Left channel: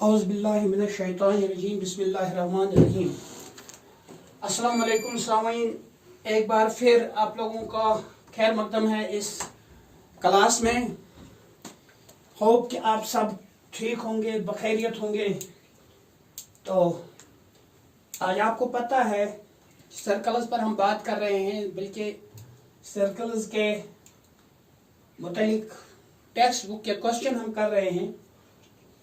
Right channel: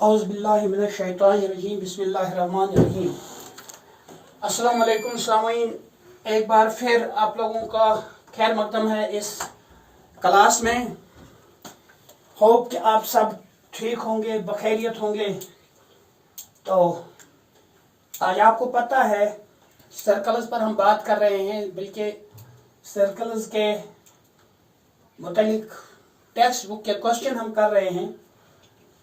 औज़ुबिल्लाहिमिनश्शैतानिर्रजीम बिस्मिल्लाहिर्रहमानिर्रहीम। अस्सलाम वालेकुम सामीन, एक बार फिर आप लोगों का खैर मकदम है इस क्लास में। होप कि आप सब ठीक होंगे, बखैरियत होंगे। तो आज आपको पता है सर्कल्स पर हम बात कर रहे हैं, बल्कि सर्कल्स के मुतालिक टेक्स्ट बुक के क्वेश्चन हम कर रहे हैं।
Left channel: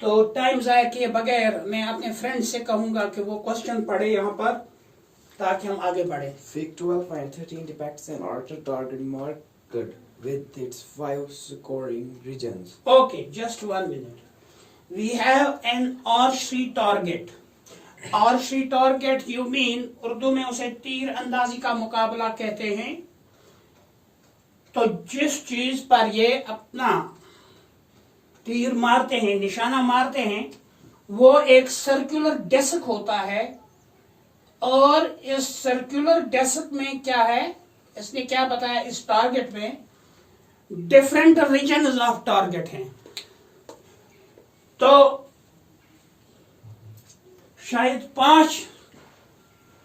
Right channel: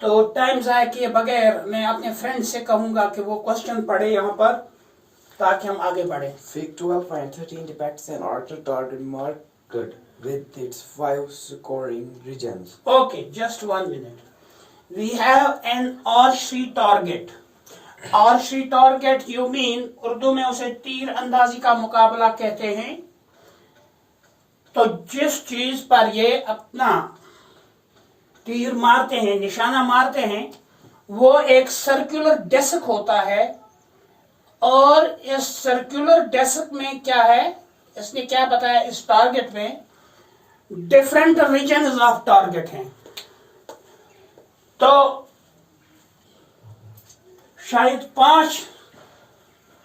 तो टाइम ज़ाया किए बगैर मैं अपने फ्रेंड से कहूँगा कि वो क्वेश्चन पढ़े यहाँ पर, ताकि हम आगे बढ़े। Fig 12.13 depicts an ordered target marked with its 5 scoring regions. Okay, just 1 minute. We have an archery target. Archery target you mean Urdu में उसे तीर अंदाजी का मुकाबला कहते हैं। तो जिस चीज पर ये अपना तीर मारते हैं, निशाना मारते हैं, वो एक सर्कुलर डेस्क होता है। और इस सर्कुलर डेस्क में क्या है, इसने क्या बताया, इस टारगेट में डिफरेंट रीजन्स ऑफ टारगेट हैं। तो शायद 5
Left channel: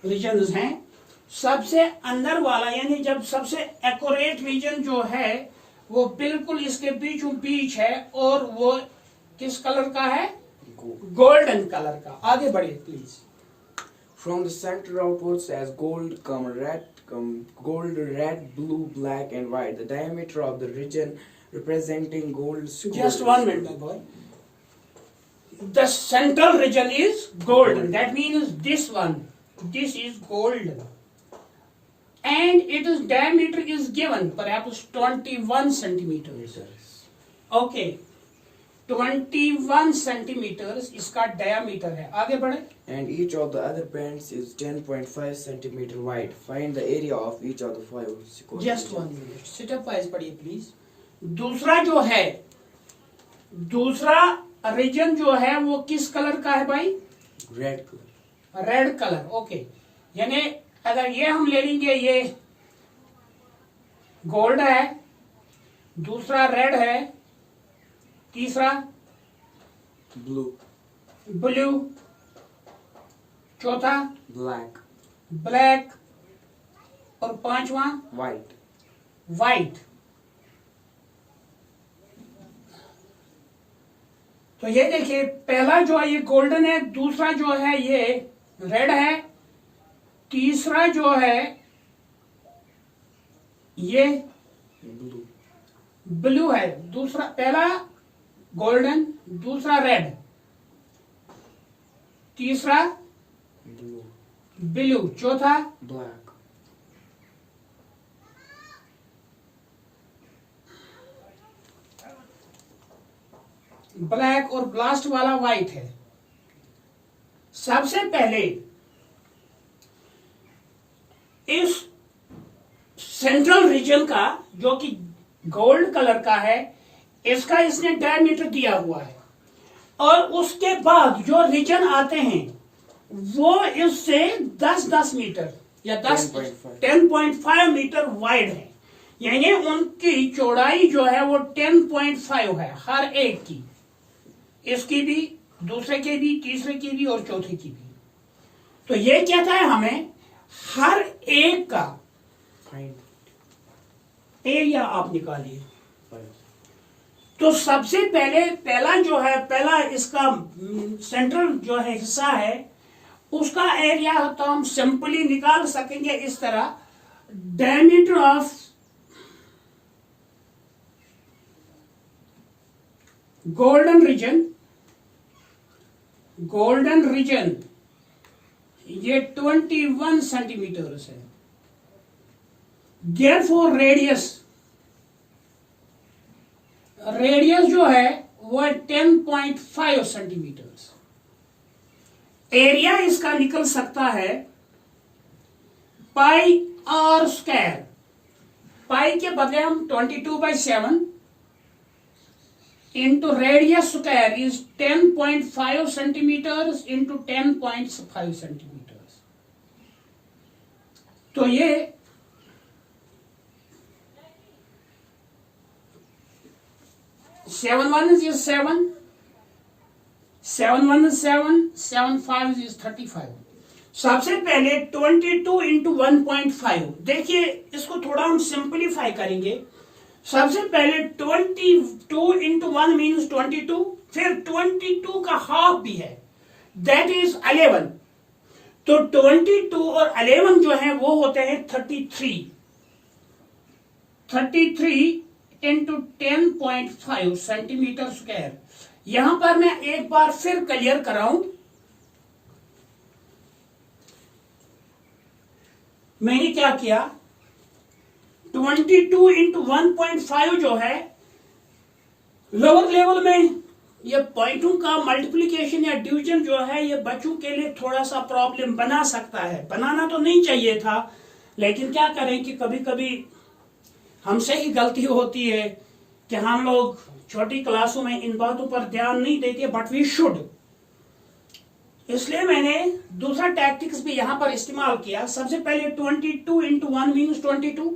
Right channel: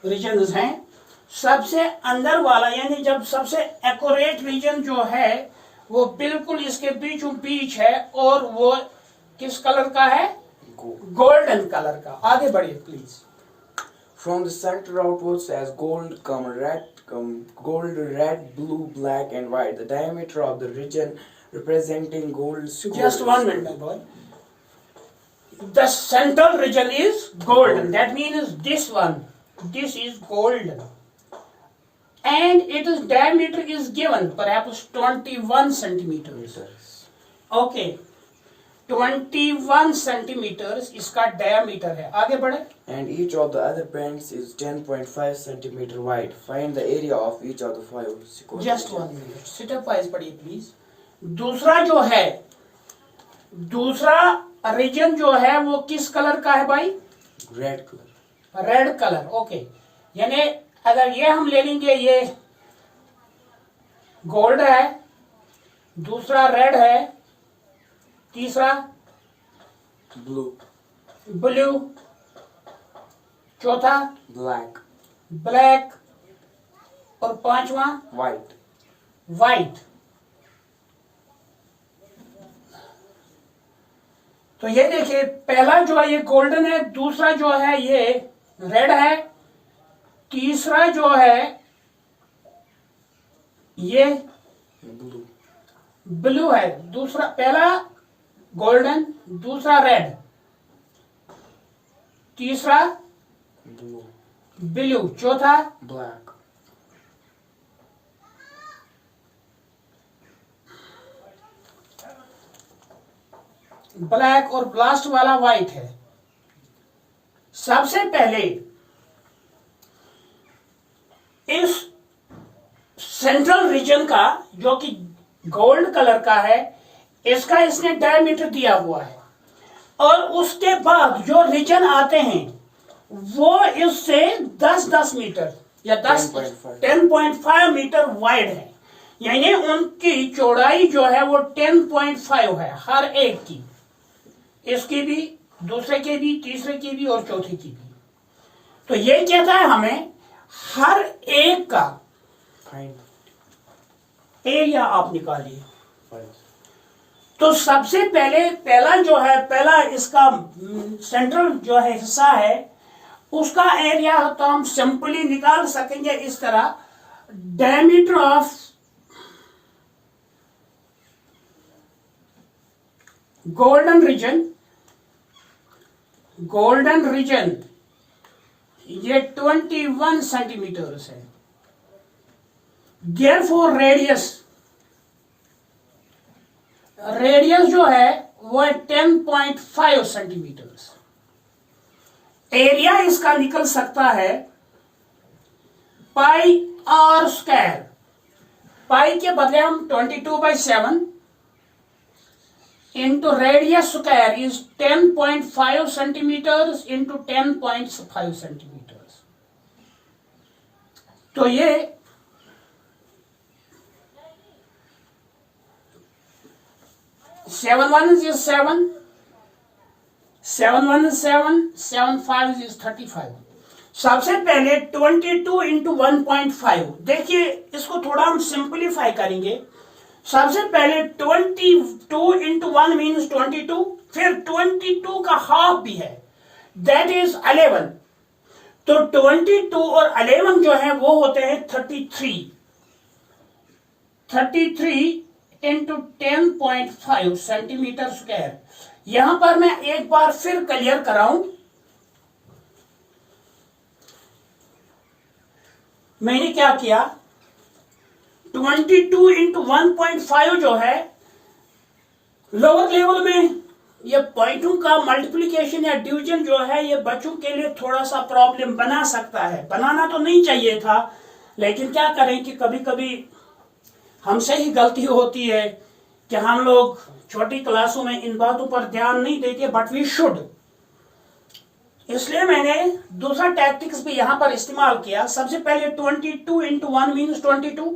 रीजन्स हैं। सबसे अंदर वाला यानी जब सबसे एक्यूरेट रीजन जो है वो बिल्कुल इसके बीचों बीच है, और वो किस कलर का है, गोल्डन कलर का। आगे बढ़िए please. From the center outwards as gold, red, blue, black and white. The diameter of the region representing gold score. Just 1 minute, my boy. The central region is golden. That means this one. This is golden. And its diameter is given, perhaps 21 centimeters. Okay. 21 centimeters इसका diameter है। आगे बढ़े। And each of the other bands is 10.5 centimeter wide. Find the area of each of the 5 scoring. Just 1 minute. Sit up wise पढ़िए please. दूसरा जो है, दूसरा reason जो है वो किस कलर का है भाई? Red color. Red colour. Okay, यानी अगर ये हम ले लेंगे, ये गोल्ड है, दूसरा रेड है, तीसरा Blue. ब्लू, चौथा Black. ब्लैक, और पांचवा White. वाइट। तो ये देखिए, पहला जो है ये गोल्डन है, दूसरा जो है ये रेड है, तीसरा जो है ये Blue. ब्लू है। दूसरा, पहला गोल्डन, दूसरा रेड, तीसरा Blue. ब्लू, चौथा Black. ब्लैक, और लास्ट वाला व्हाइट है। सबसे पहले इस सेंट्रल रीजन का जो कि गोल्ड कलर का है, इसका इसने डायमीटर दिया हुआ है। और उसके बाद जो रीजन आते हैं वो इससे 10-10 मीटर या 10.5 मीटर वाइड है। यानी उनकी चौड़ाई जो है वो 10.5 है हर एक की, इसकी भी, दूसरे के भी, तीसरे की भी और चौथे की भी। तो ये कहता है हमें हर एक का एरिया आप निकालिए। तो सबसे पहले पहला जो है, पहला इसका सेंट्रल जो है हिस्सा है, उसका एरिया तो हम सिंपली निकाल सकेंगे इस तरह। Diameter of golden region, golden region ये 21 सेंटीमीटर्स है। देयरफॉर रेडियस, रेडियस जो है वो है 10.5 सेंटीमीटर्स। एरिया इसका निकल सकता है पाई आर स्क्वायर। पाई के बदले हम 22/7 into radius square is 10.5 centimeters into 10.5 centimeters. तो ये 7 1 is 7, 7 1 is 7, 7 5 is 35। सबसे पहले 22 इंटू 1.5, देखिए इसको थोड़ा हम सिंपलीफाई करेंगे। सबसे पहले 22 इंटू 1 मीन्स 22, फिर 22 का हाफ भी है, दैट इज 11। तो 22 और 11 जो है वो होते हैं 33। 33 इंटू 10.5 सेंटीमीटर स्क्वायर। यहां पर मैं एक बार फिर क्लियर कराऊं, मैंने क्या किया, 22 इंटू 1.5 जो है लोअर लेवल में ये पॉइंटों का मल्टीप्लिकेशन या डिवीजन जो है ये बच्चों के लिए थोड़ा सा प्रॉब्लम बना सकता है। बनाना तो नहीं चाहिए था, लेकिन क्या करें कि कभी कभी हमसे ही गलती होती है कि हम लोग छोटी क्लासों में इन बातों पर ध्यान नहीं देते, बट वी शुड। इसलिए मैंने दूसरा टैक्टिक्स भी यहां पर इस्तेमाल किया। सबसे पहले 22 इंटू 1 मीन्स 22,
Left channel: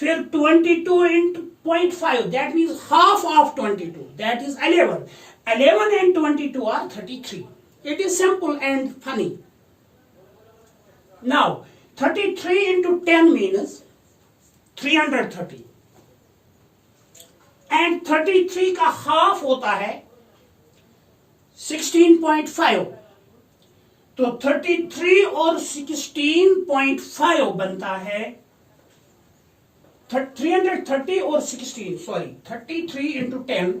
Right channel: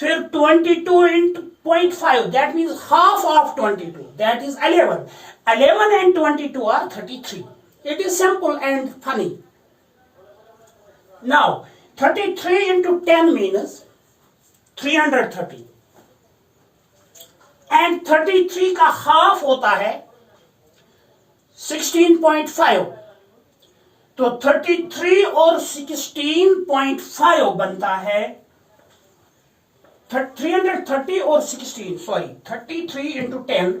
फिर 22 into 0.5 that means half of 22 that is 11। 11 and 22 are 33। It is simple and funny. Now 33 into 10 means 330 and 33 का हाफ होता है 16.5। तो 33 और 16.5 बनता है 330 और 16, sorry 33 into 10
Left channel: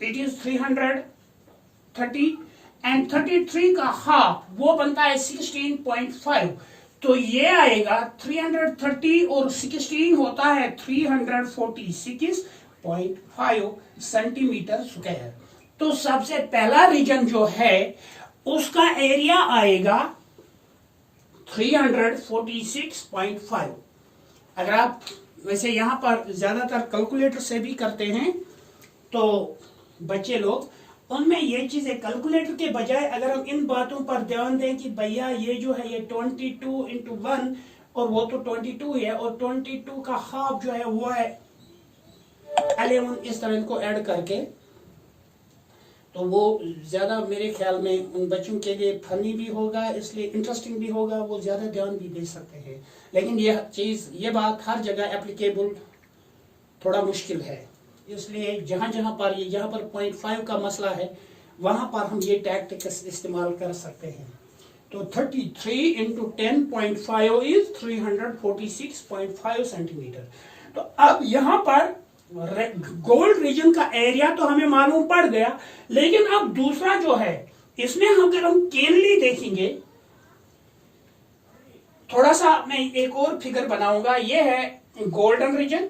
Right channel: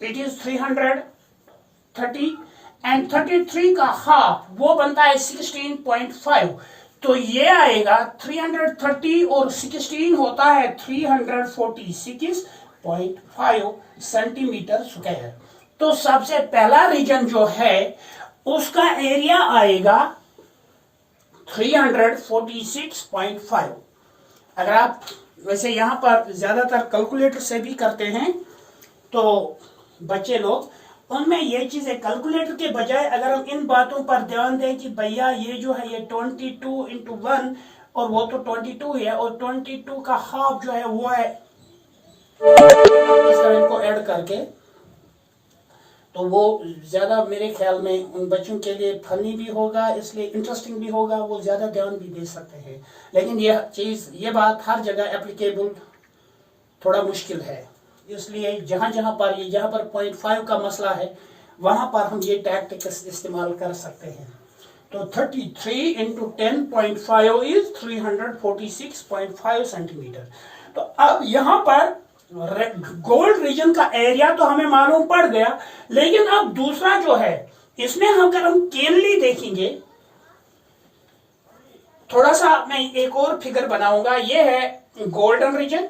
it is 330 and 33 का हाफ वो बनता है 16.5। तो ये आएगा 330 और 16 होता है 346.5 सेंटीमीटर स्क्वायर। तो सबसे पहला रीजन जो है उसका एरिया आएगा 346.5। अगर आप वैसे यहां पर ज्यादातर कैलकुलेटर से भी करते हैं तो बच्चे लोग, उनमें ये चीजें कैलकुलेटर के बजाय अगर हम इन बातों पर ध्यान दें कि भैया ये जो है ये 22 इंटू 1 और वो तो 22 है और 22 का हाफ जो है वो है, इस तरह इनको ऐड करके, तो वो ज्यादा मेरे ख्याल में उन बच्चों के लिए फनी भी होगा, इसलिए इंटरेस्टिंग भी होगा, वो ज्यादा ध्यान भी दे सकते हैं। लेकिन ये बात हर जगह एप्लीकेबल थोड़ा मुश्किल है, इसलिए जहां जहां पर 0.5 का मसला है वहां पर हम ये टैक्टिक्स इस्तेमाल कर सकते हैं। तो 33 इंटू 10.5 इज 346.5 सेंटीमीटर। तो अब यहां पर गोल्ड रीजन का एरिया तो हमें मालूम पड़ गया, लेकिन अब दूसरा जो है इसमें अगर हम केनली देखेंगे, थोड़ा सा मैं एक और फिगर बनाऊंगा। ये है गोल्डन रीजन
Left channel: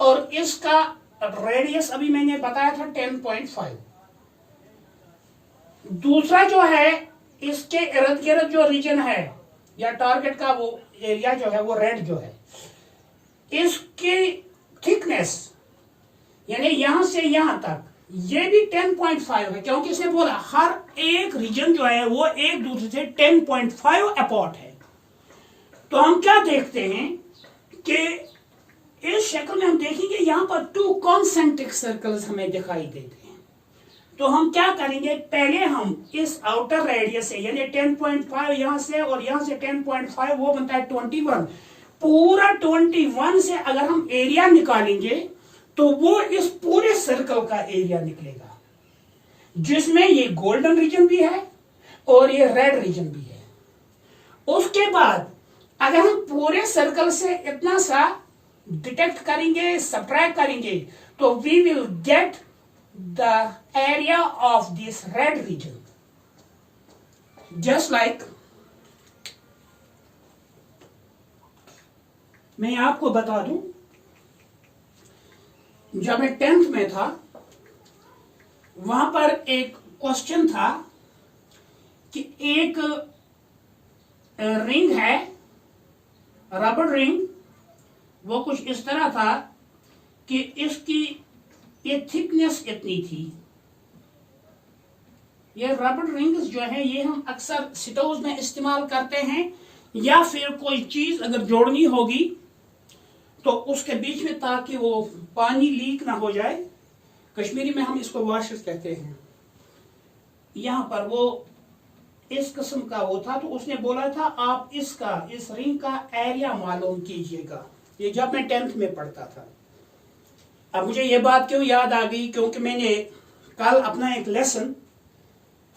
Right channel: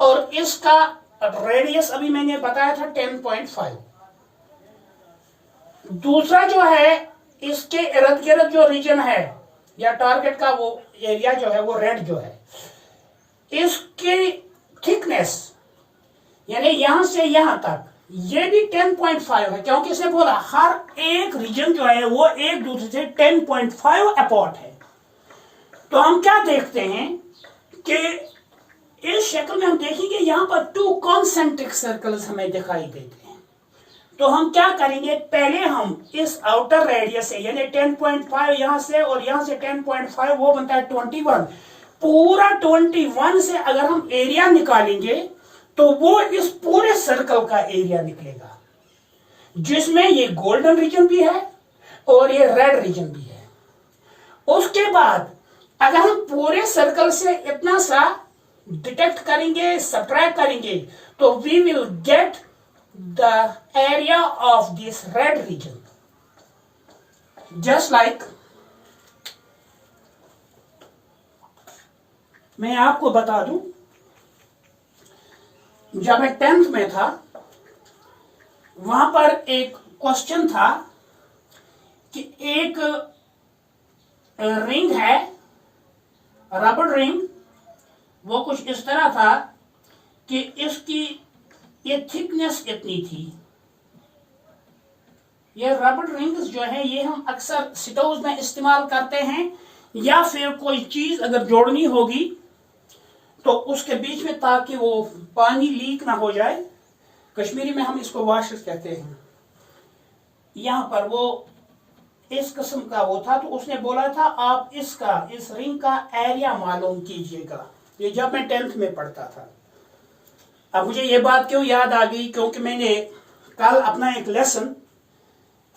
और इसका रेडियस अभी मैंने बताया था 10.5। दूसरा जो है इसके इर्द गिर्द जो रीजन है या टारगेट का वो एरिया जो है वो रेड जो है, इसकी थिकनेस यानी यहां से यहां तक ये भी 10.5 है, क्योंकि इसने बोला हर एक रीजन जो है वो एक दूसरे से 10.5 अपार्ट है। तो हम क्या देखते हैं कि इस शक्ल में हम देखेंगे यहां पर 2 कॉन्सेंट्रिक सर्कल्स हमें दिखाई देते हैं। तो हम क्या करेंगे, पहले हम इस आउटर रेडियस से यानी 10.5 यहां से और यहां से 10.5 वो बनता है 21। पूरा 21 से अगर हम एरिया निकालेंगे तो वो इस पूरे सर्कल का एरिया निकलेगा, जिसमें ये गोल्डन रीजन भी है और ये रेड रीजन भी है। उसके बाद अगर हम पूरे सर्कल से इतना सा डिटेक्ट करेंगे, सब्ट्रैक्ट करेंगे, तो we will get the area of this red region. Just like मैं आपको बता दूं, जब मैं 10th में था वहां पर एक क्वेश्चन था कि एक रिंग है, रबर रिंग, वो कुछ इस तरह था कि इसकी ये थिकनेस इतनी थी। ये रबर रिंग्स जो है ये हम अक्सर स्टोव में इस्तेमाल करते हैं, या फिर कोई चीज अगर जोड़नी होगी तो उसके बीच में, ताकि वो पानी लीक ना हो जाए। कश्मीरी में हम इसको वाशर्स कहते हैं। यहाँ पर वो इस किस्म का वो था, तो उसने बोला था आप इसका, इस रिंग का एरिया मालूम कीजिएगा। ये जब मैं 10th में पढ़ता था। अब मुझे ये बात क्यों याद आ गई, क्योंकि मैंने कल अपना एक लेसन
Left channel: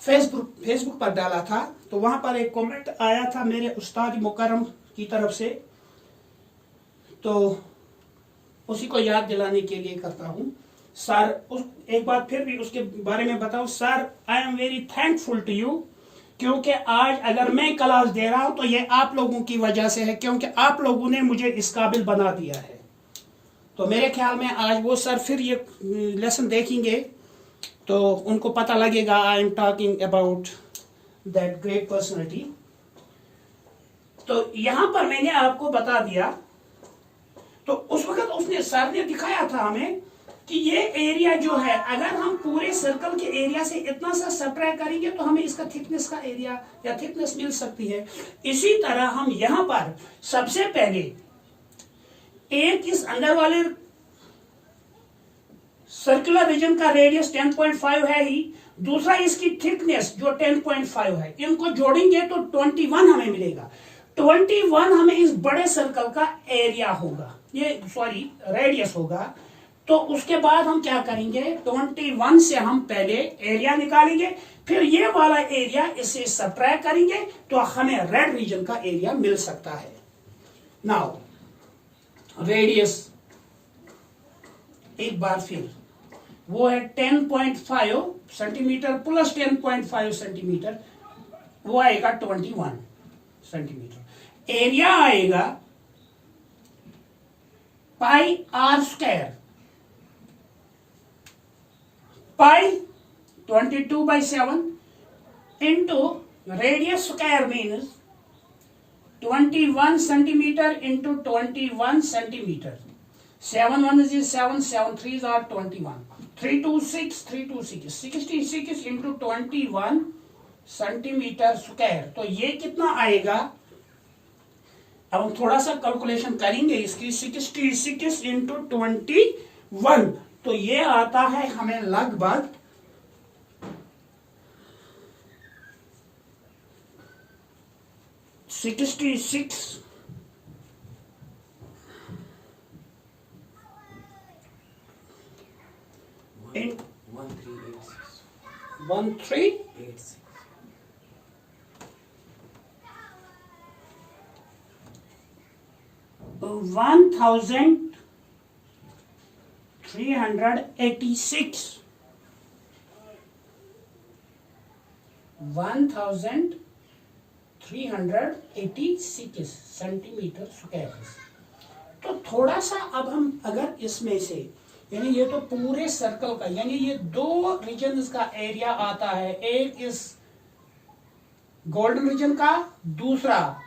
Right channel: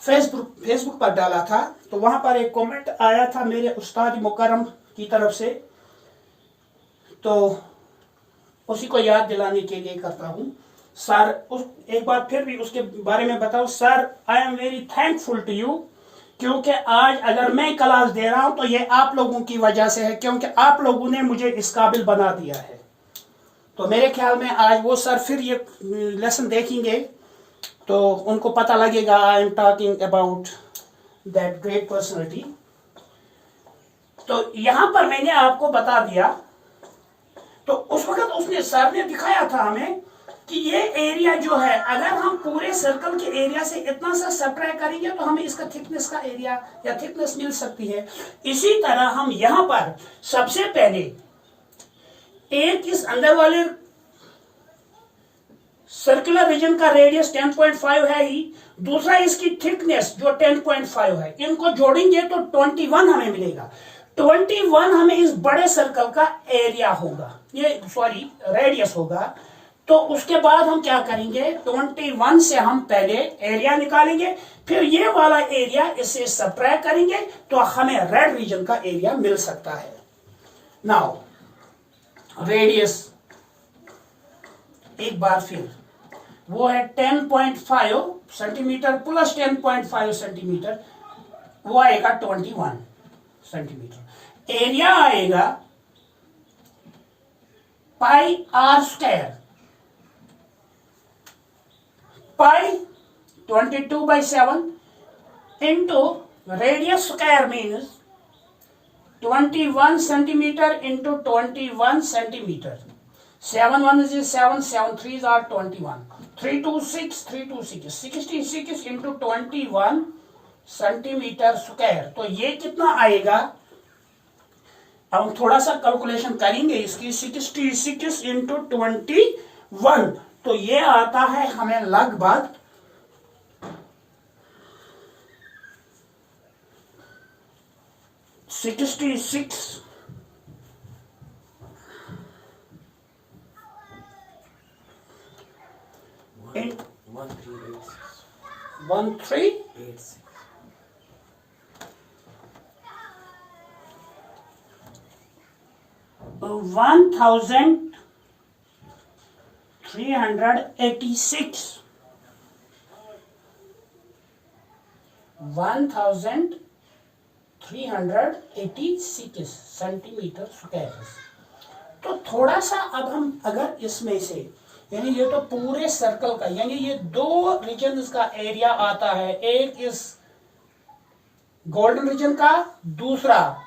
फेसबुक पर डाला था, तो वहां पर एक कमेंट आया था मेरे उस्ताद मुकर्रम की तरफ से, तो उसी को याद दिलाने के लिए करता हूं। सर, एक बार फिर भी उसके बारे में बताओ। Sir, I am very thankful to you, क्योंकि आज अगर मैं क्लास दे रहा हूं तो ये आप लोगों की वजह से है, क्योंकि आप लोगों ने मुझे इस काबिल बना दिया है। तो मेरे ख्याल में आज वो सर फिर ये लेसन देखेंगे तो उनको पता लगेगा I am talking about that great personality. तो यहां पर मैंने आपको बता दिया, तो उस वक्त उसने सर ने दिखाया था हमें कि ये एरिया जो है, अगर हम पूरे सर्कल के एरिया से इतना सा सब्ट्रैक्ट करेंगे तो हमें इसका थिकनेस का एरिया या थिकनेस मिल सकती है। इसी तरह हम यहां पर सबसे पहले एक इस अंदर वाले सर्कुलर रीजन का रेडियस 10.5 है ही, दूसरा इसकी थिकनेस जो 10.5 है, इनको जोड़ेंगे तो 21 हमें मिलेगा। 21 हमें इस बड़े सर्कल का एरिया होगा, ये सॉरी रेडियस होगा। तो उसके बाद हम क्या करेंगे, 21 से हम पहले एरिया निकालेंगे, फिर ये वाला एरिया इससे सब्ट्रैक्ट करेंगे तो हमें रेड रीजन का एरिया मिल सकता है। नाउ रेडियस एक बार फिर वो है 10.5 सेंटीमीटर प्लस 10.5 सेंटीमीटर, वो आएगा 21 सेंटीमीटर। एरिया आएगा pi r square, pi 22/7 into radius square means 21 centimetre into 21 centimetre. 7 1 is 7, 7 3 are 21, 3 2 6, 3 2 6, 66 into 21 centimetre square. तो ये कितना आएगा, अब हम थोड़ा सा कैलकुलेशन करेंगे इसकी। 66 इंटू 21, तो ये आता है हमें लगभग 66 1386 1386 सेंटीमीटर स्क्वायर। तो थोड़ा सा अब हम अगर इसमें से, यानी ये तो पूरे सर्कल का, यानी ये दो रीजन का एरिया आता है, एक इस गोल्डन रीजन का, दूसरा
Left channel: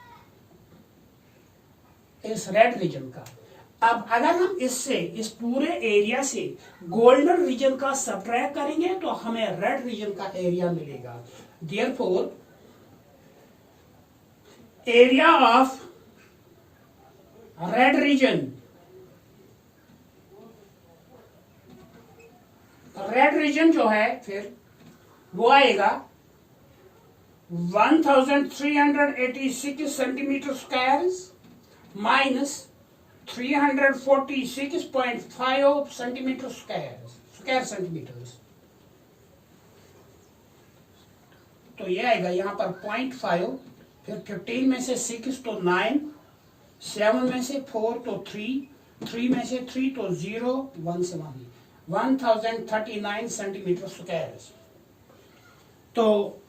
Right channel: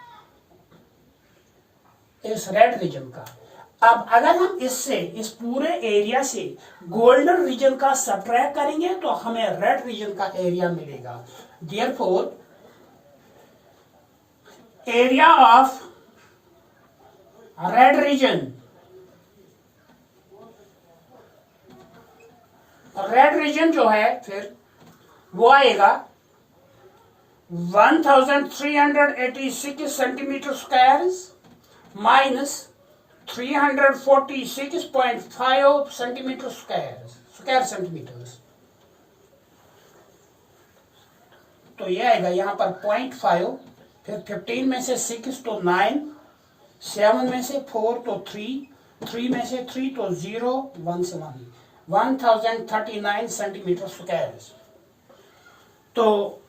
इस रेड रीजन का। अब अगर हम इससे, इस पूरे एरिया से गोल्डन रीजन का सब्ट्रैक्ट करेंगे तो हमें रेड रीजन का एरिया मिलेगा। Therefore area of red region, red region जो है फिर वो आएगा 1386 centimetre square minus 346.5 centimetre square centimetre. तो ये आएगा यहाँ पर 0.5, फिर 15 में से 6 तो 9, 7 में से 4 तो 3 में से 3 तो 0, 1 से 1039 सेंटीमीटर स्क्वायर। तो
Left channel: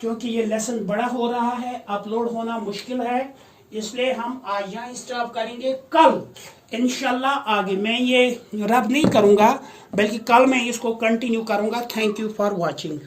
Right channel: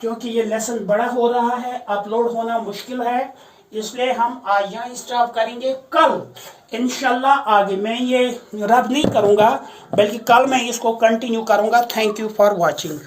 क्योंकि ये लेसन बड़ा हो रहा है, अपलोड होना मुश्किल है, इसलिए हम आज यहाँ स्टॉप करेंगे। कल इंशाल्लाह आगे मैं ये रब नहीं करूँगा, बल्कि कल मैं इसको कंटिन्यू करूँगा। Thank you for watching.